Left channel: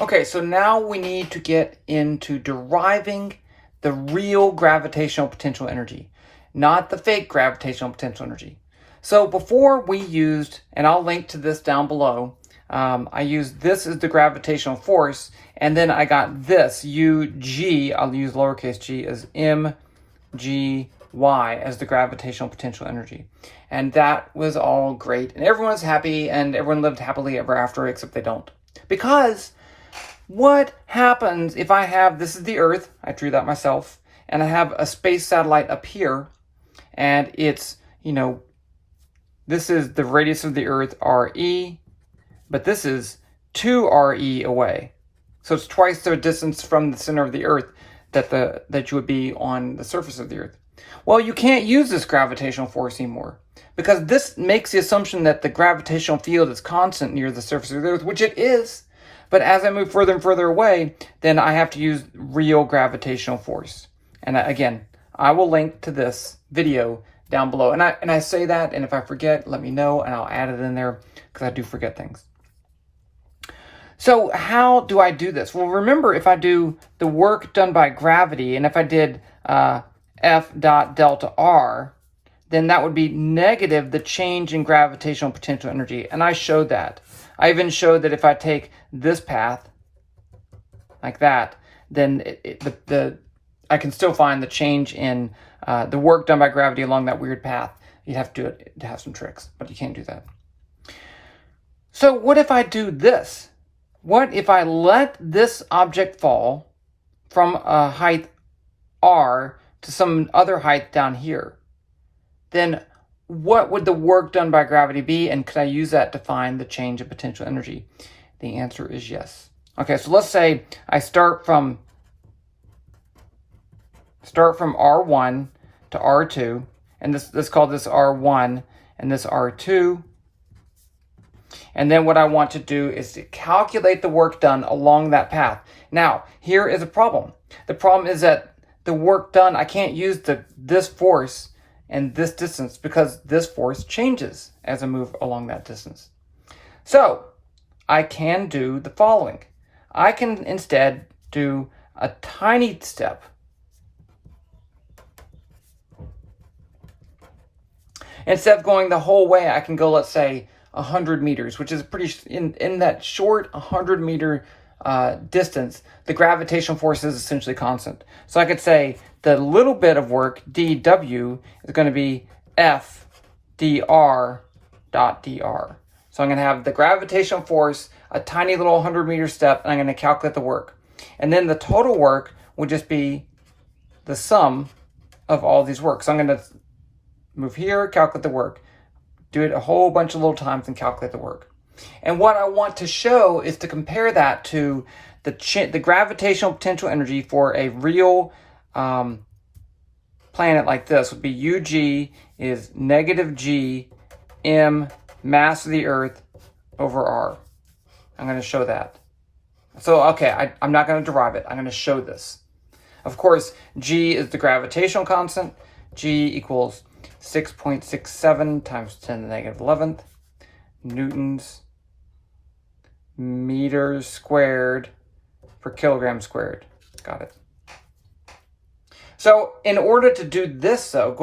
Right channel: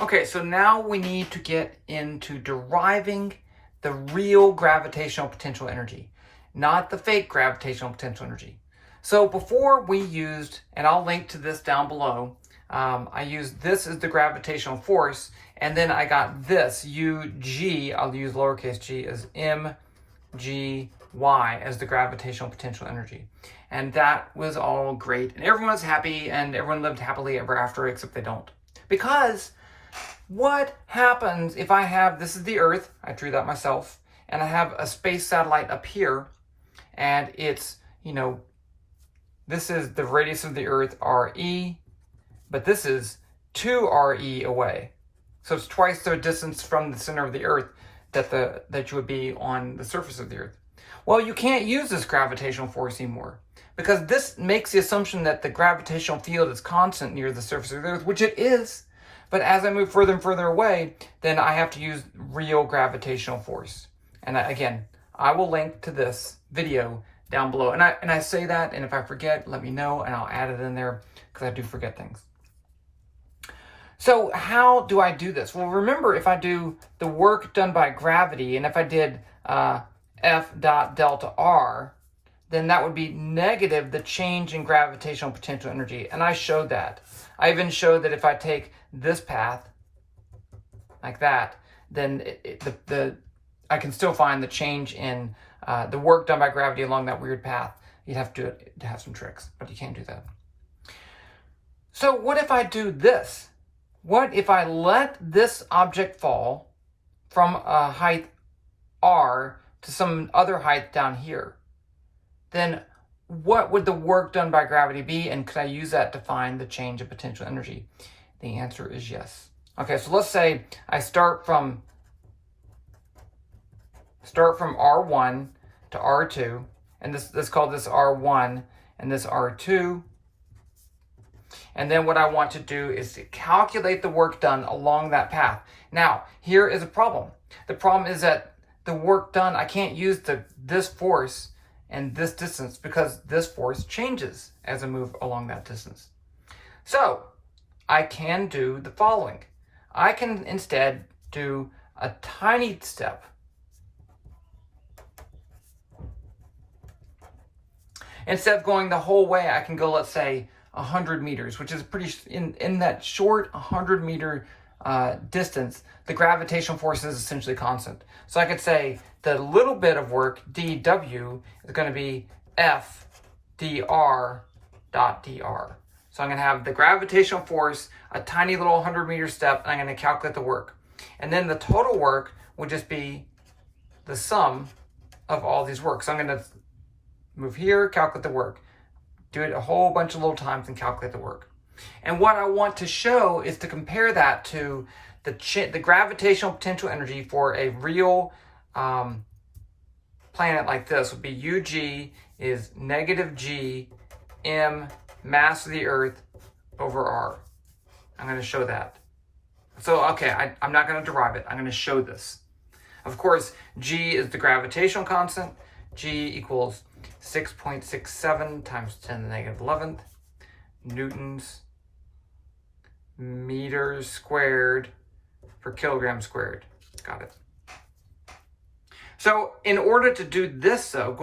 Okay, so now we need to get into deriving the real gravitational potential energy, not the fake gravitational potential energy. So before we used, and I'll link to this down below, I used this as the gravitational force, and then I got this, UG, I'll use lowercase g, as mgy as the gravitational potential energy. And that was all great, and everyone was happy, and everyone lived happily ever after, except they don't. Because what happens if I have, this is the Earth, I drew that myself, and I have a space satellite up here, and it's, this is the radius of the Earth, RE, but this is 2 RE away. So it's twice the distance from the center of the Earth that you would be on the surface of the Earth. Well, you can't use this gravitational force anymore, because this makes the assumption that the gravitational field is constant near the surface of the Earth, which it is. But as I move further and further away, then I have to use real gravitational force. And again, I will link to this video down below. And I say that, and if I forget, let me know, and I'll add it in there, because I do forget things. So how do I do this? Well, remember, if I do the work done by gravity, and if I did F dot delta R, then that would be negative the change in gravitational potential energy. And I showed that. I even showed that if I take this path like that, then I can still find the change in the work done by gravity along that weird path. You'd have to do it to have some tricks, but you can't do that. So what if I do this? What if I let this object fall from a height r to some other height down here? Then what would the work done by gravity be, and could I use that to find the change in potential energy? The answer is yes. Okay, so let's say I start from R1 to R2, and let's call this R1 and this R2. And then what I want to do is to calculate the work done along that path. Now, here is a problem. The problem is that the work done, I can't use this force and this distance, because this force changes as I move along that distance. So I can do the following. I can instead do a tiny step. Instead of going the whole way, I can go, let's say, 100 meters, which is pretty, in that short 100 meter distance, the gravitational force is essentially constant. So I could say the little bit of work, dW, is going to be F dr dot dr. So I'm going to have the gravitational force, a tiny little 100 meter step, and I'm going to calculate the work. And then the total work would just be the sum of all these works. So I'm going to move here, calculate the work, do it a whole bunch of little times, and calculate the work. And what I want to show is to compare that to the gravitational potential energy for a real planet like this would be UG is negative G m mass of the Earth over R. I'm going to show that. So, okay, I'm not going to derive it. I'm going to show this. Of course, G is the gravitational constant. G equals 6.67 times 10 to the negative 11th newtons meters squared per kilogram squared. Got it. So in order to do this, though,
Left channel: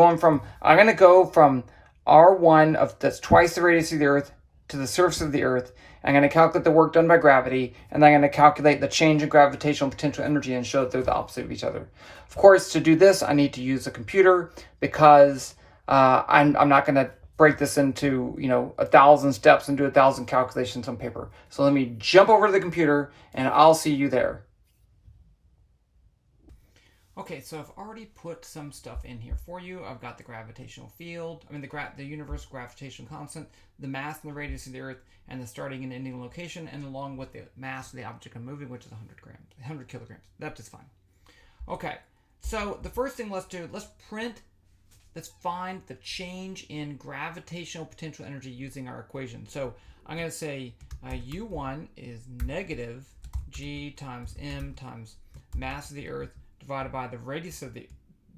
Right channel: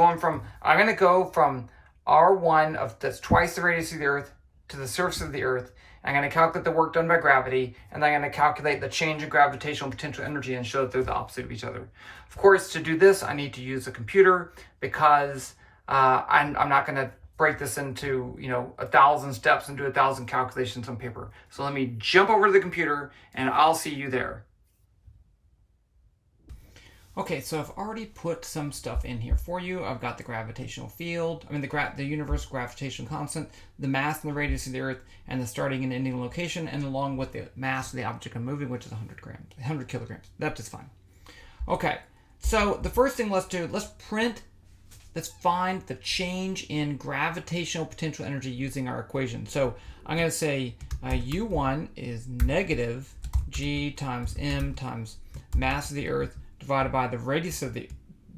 I'm going to go from R1 that's twice the radius of the Earth to the surface of the Earth. I'm going to calculate the work done by gravity, and then I'm going to calculate the change in gravitational potential energy and show that they're the opposite of each other. Of course, to do this, I need to use a computer, because I'm not going to break this into 1,000 steps and do 1,000 calculations on paper. So let me jump over to the computer, and I'll see you there. Okay, so I've already put some stuff in here for you. I've got the gravitational field, the universal gravitational constant, the mass and the radius of the Earth, and the starting and ending location, and along with the mass of the object I'm moving, which is 100 kilograms. That's just fine. Okay, so the first thing let's find the change in gravitational potential energy using our equation. So I'm going to say U1 is negative G times M times mass of the Earth divided by the radius of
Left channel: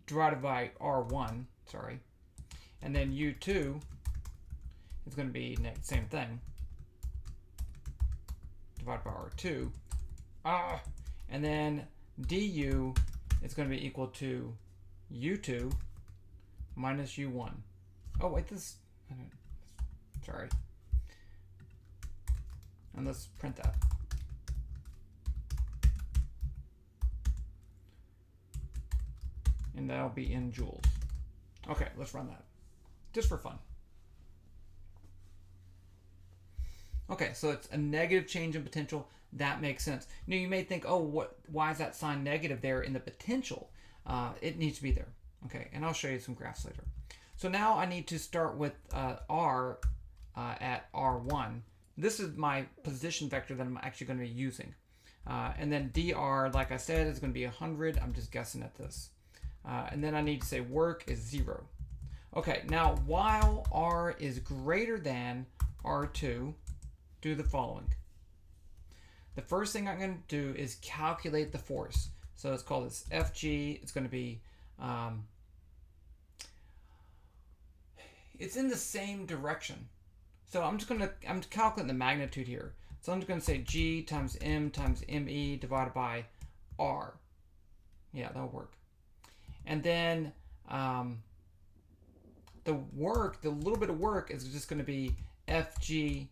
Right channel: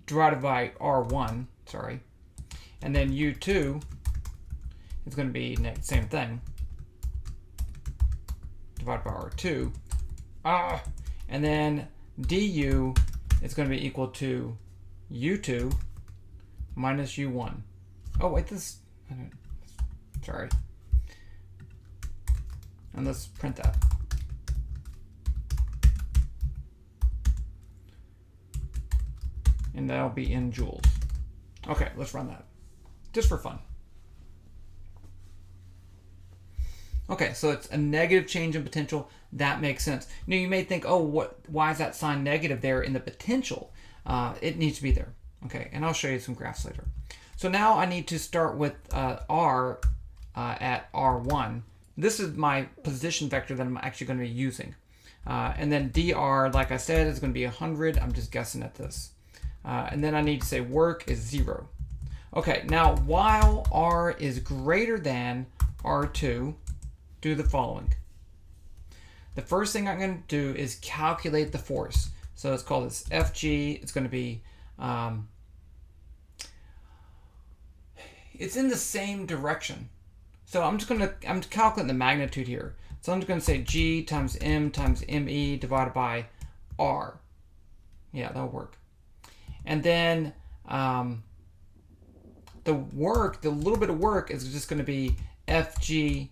divided by R1, and then U2 is going to be same thing, divided by R2, And then du is going to be equal to u2 minus u1. Oh, wait, sorry. And let's print that. And that'll be in joules. Okay, let's run that. Just for fun. Okay, so it's a negative change in potential. That makes sense. Now you may think, oh, why is that sign negative there in the potential? It needs to be there. Okay, and I'll show you some graphs later. So now I need to start with R at R1. This is my position vector that I'm actually going to be using. And then dr, like I said, is going to be 100. I'm just guessing at this. And then I need to say work is 0. Okay, now while R is greater than R2, do the following. The first thing I'm going to do is calculate the force. So let's call this Fg. It's going to be, it's in the same direction. So I'm calculating the magnitude here. So I'm just going to say G times M times ME divided by R. Yeah, that'll work. And then the little bit of work is just going to be Fg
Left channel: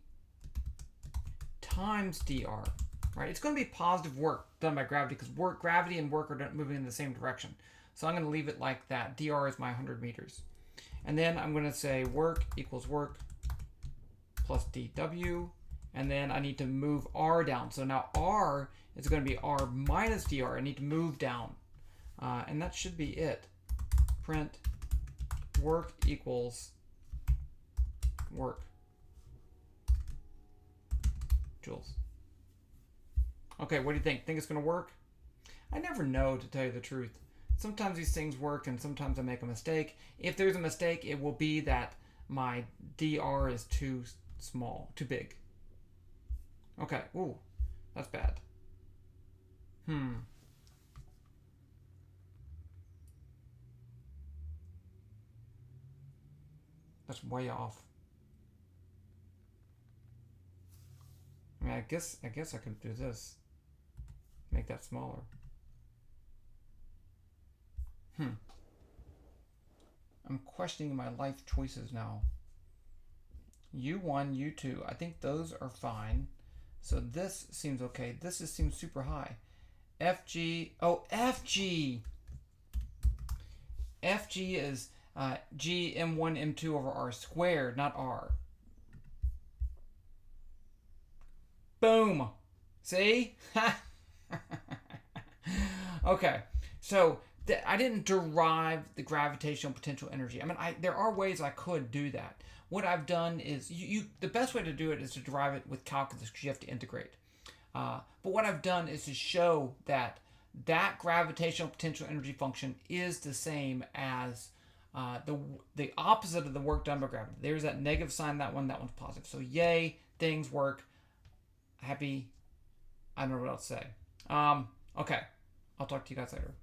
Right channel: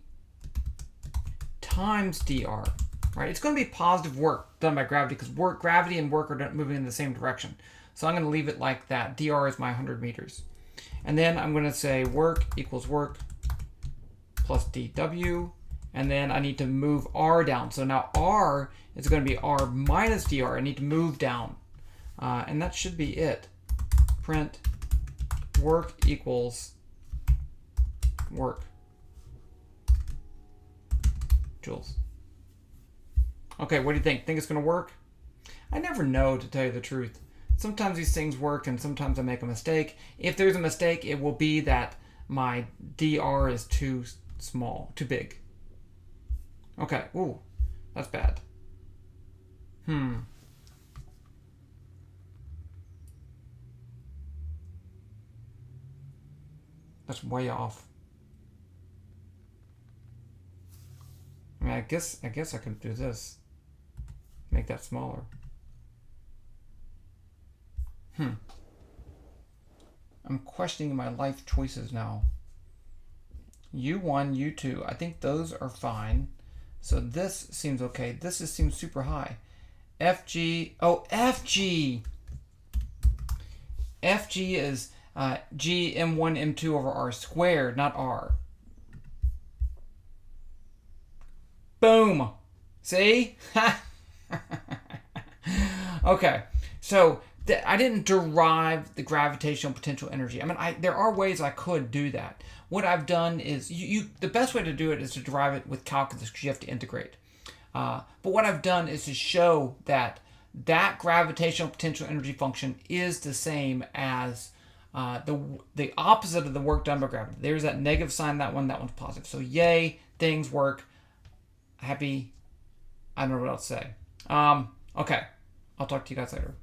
times dr, right? It's going to be positive work done by gravity because gravity and work are moving in the same direction. So I'm going to leave it like that. Dr is my 100 meters. And then I'm going to say work equals work plus dw. And then I need to move r down. So now r is going to be r minus dr. I need to move down. And that should be it. Print work equals work joules. Okay, what do you think? Think it's going to work? I never know, to tell you the truth. Sometimes these things work and sometimes I make a mistake. If there's a mistake, it will be that my dr is too small, too big. Okay, ooh, that's bad. That's way off. I mean, I guess I could do this. Make that smaller. I'm questioning my life choices now. U1, U2, I think those are fine. So this seems okay. This seems super high. FG, FG! FG is G M1 M2 over R squared, not R. Boom! See? Okay, so I didn't derive the gravitational potential energy. I mean, there are ways I could do that. What I've done is, the best way to do it is to derive it with calculus because you have to integrate. But what I've done is to show that gravitational potential energy function is the same as the opposite of the work done by gravity. There's that negative sign, that one's positive. So yay, things work. Happy. I don't know what else to say. Okay, I'll talk to you guys later.